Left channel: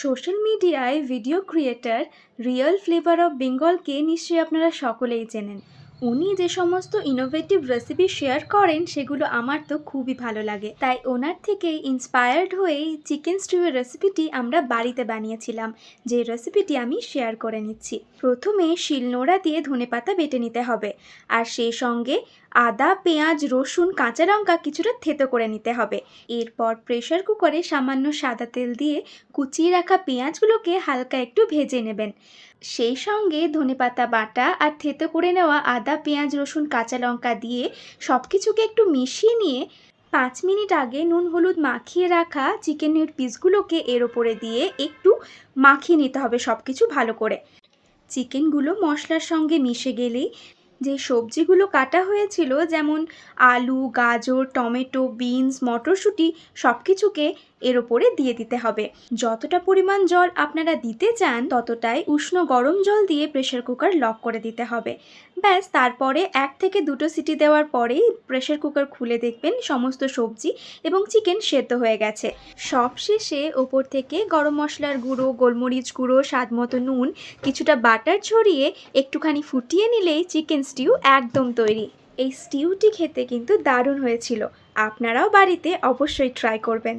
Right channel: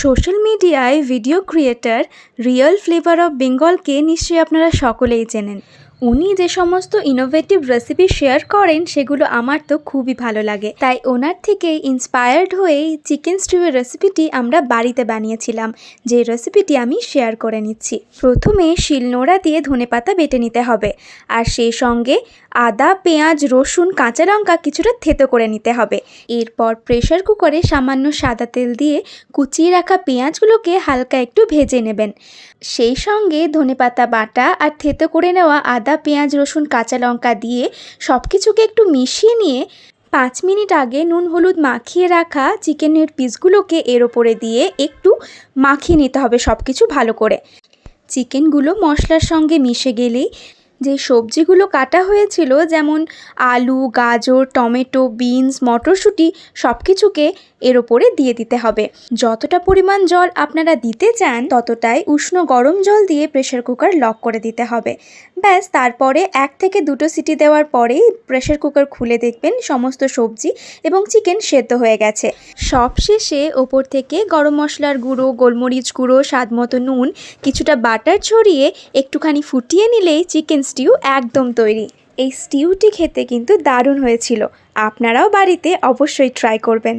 Social মিডিয়ায় video creator real flavour of বেঙ্গলকে নিশ্চয়ই আপনারা সকলেই চেনেন। উনি যে সমস্ত ইনোভেটিভ রেসিপি শেয়ার করেন সেগুলো আমার তো খুবই ভালো লাগে, তাই ওনার থেকেই ইন্সপায়ার্ড হয়েই চিকেন স্টিউয়ের রেসিপিটি আমরা বাড়িতে বানিয়েছিলাম, যে রেসিপিটি আমি শেয়ার করে নিচ্ছি। প্রথমে শিলনোড়া দিয়ে ধনেপাতা বেটে নিতে হবে, আর সেই সঙ্গে আদা, পেঁয়াজ, রসুন, কাঁচা লঙ্কা কিছুটা থেতো করে নিতে হবে। এরপর প্রেশার কুকারে সামান্য সাদা তেল দিয়ে কুচিয়ে রাখা পেঁয়াজগুলোকে হালকা একটু ভেজে নেবেন। সেই সঙ্গে ধনেপাতা বাটা আর থেতো করে নেওয়া আদা, পেঁয়াজ, রসুন, কাঁচা লঙ্কা দিয়ে সব কিছুকে একটু মিশিয়ে নিয়ে 5 মিনিট আগে নুন হলুদ মাখিয়ে রাখা চিকেনের পিসগুলোকে এর ওপরে দিয়ে একটু মাখিয়ে নিতে হবে সব কিছু ভালো করে। চিকেনগুলো মশলার সঙ্গে মিশে গেলেই যে সবজিগুলো কাটা হয়েছিল, যেমন আলু, গাজর, টমেটো, বিনস, মটরশুঁটি, সব কিছুকে এর ওপরে দিয়ে দিতে হবে। যতটা পরিমাণ জল আপনারা দিতে চান ততটাই উষ্ণ গরম জল দিয়ে প্রেশার কুকার লক করে দিতে হবে। ব্যাস, তারপরে 1 থেকে 2টো সিটি দেওয়ার পরেই প্রেশার কুকার খুলে দেখবেন সমস্ত সবজি এবং চিকেন সেদ্ধ হয়ে গেছে। সবশেষে ওপর থেকে গরম মশলার গুঁড়ো, গোলমরিচ গুঁড়ো, স্বাদ মতো নুন, কিছুটা বাটার ছড়িয়ে একটুখানি ফুটিয়ে নিলেই চিকেন স্টিউ একদম তৈরি। এই স্টিউটি খেতে কিন্তু দারুণ হয়েছিল। আপনারাও বাড়িতে অবশ্যই ট্রাই করবেন।